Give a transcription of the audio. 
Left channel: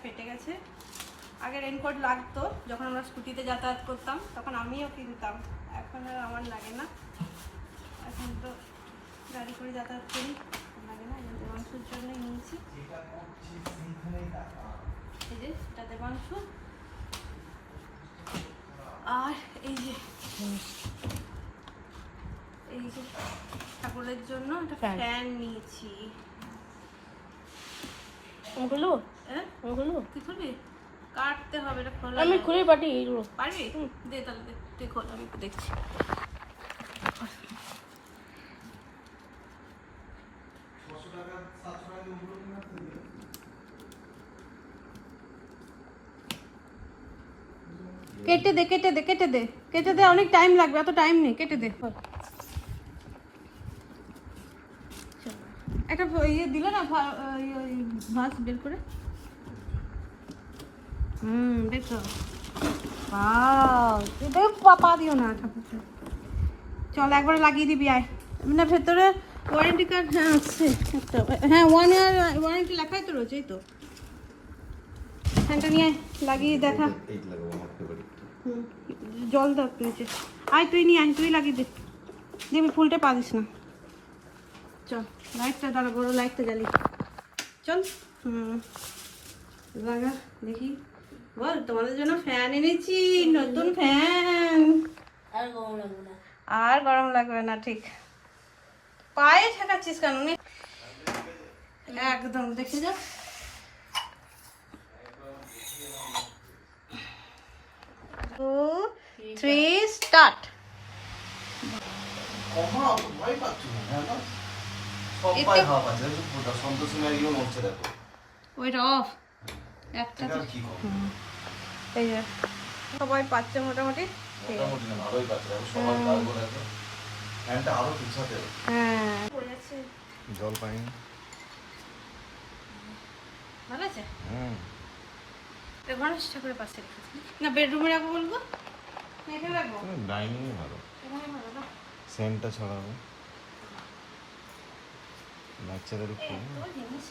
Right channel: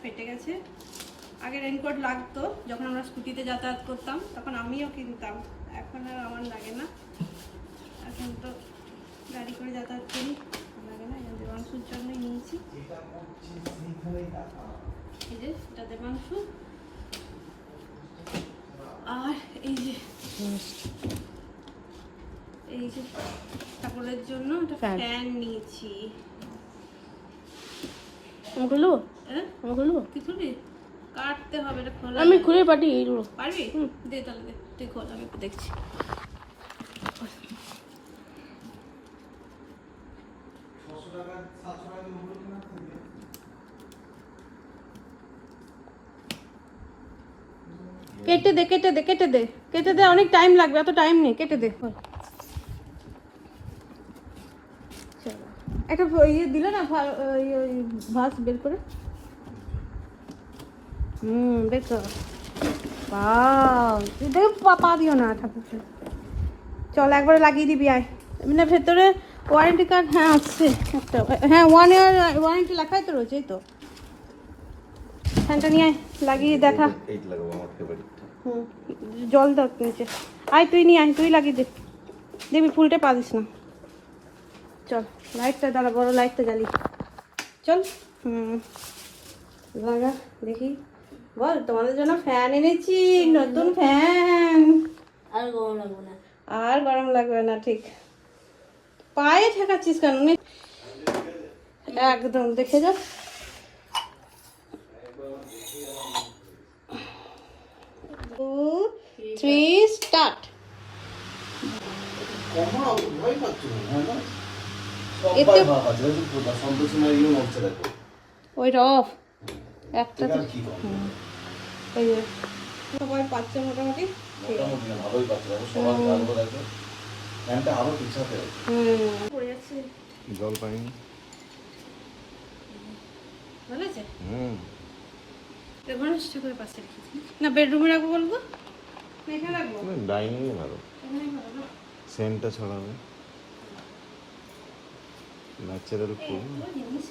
ফেটে গেছে। আগে রেনকোট লাগতো যখন আমরা স্কুটিতে যাতায়াত করতাম, তখন আমিও কিনতাম। এখন আর আমার লাগে না, এখন তো গাড়ি করে যাতায়াত করি, লাগে না। এই দেবাংশুর জন্যই নিয়েছি। এই যে এটা দেবাংশু। আর এই যে ঠাকুরের জন্য একটা ফ্যান নিয়েছি। ওগুলো কি করবি? কাটতে হবে, এটা খোলা। আমি খুলে পাঠিয়ে পারবি? দে তাহলে, দে তুই খোল, আমি একটু দেখছি। কেটে দে কেটে দে কেটে দে কেটে দে, অনেক টাইম লাগবে, এত টাইম নেই, কেটে দে। একটা ইয়ে দিল না, ভাস বের করে। বের করো। পাতা দিও না ঠাকুরকে। চল একবারে লাগিয়ে দিবি, আয়। মানে ভেতরে ওয়ারেন্টি কার্ড, হ্যাঁ আসছে একটা, হ্যাঁ 1 ইয়ার ওয়ারেন্টি লেখাই তো রয়েছে। এই তো ফ্যানটা নিয়ে লাগিয়ে দেখা। জল দাও নিচে, আয় তুই নিয়ে আয়, তুই লাগিয়ে দে, দেখবি ফুলটা পারিস না। চল লাইটটা দাঁড়া, বড় লাইটটা জ্বালি, চল। লাগা দেখি, বল। তোমাদের জন্য ফ্যান এনেছি, নতুন ফ্যান। আর গরম লাগবে না, ঠিক। পায়ে ঠেকাচ্ছিস কেন? একদম দেখে যা। 2, 3 স্টার্ট। ওইটা অফ একটা। এই যে সবাই পাচ্ছে মোটামুটি, ভালোই পাচ্ছে। হ্যাঁ জল পাই ভালো আছে। গণেশ ঠাকুরের পাশে রেখেছি না, বেডরুমে রাখবো বলবো, এখানে রাখবো। ডাইনিং ভালো, সেন্টটা ছড়ানো বাচ্চাদের জিনিস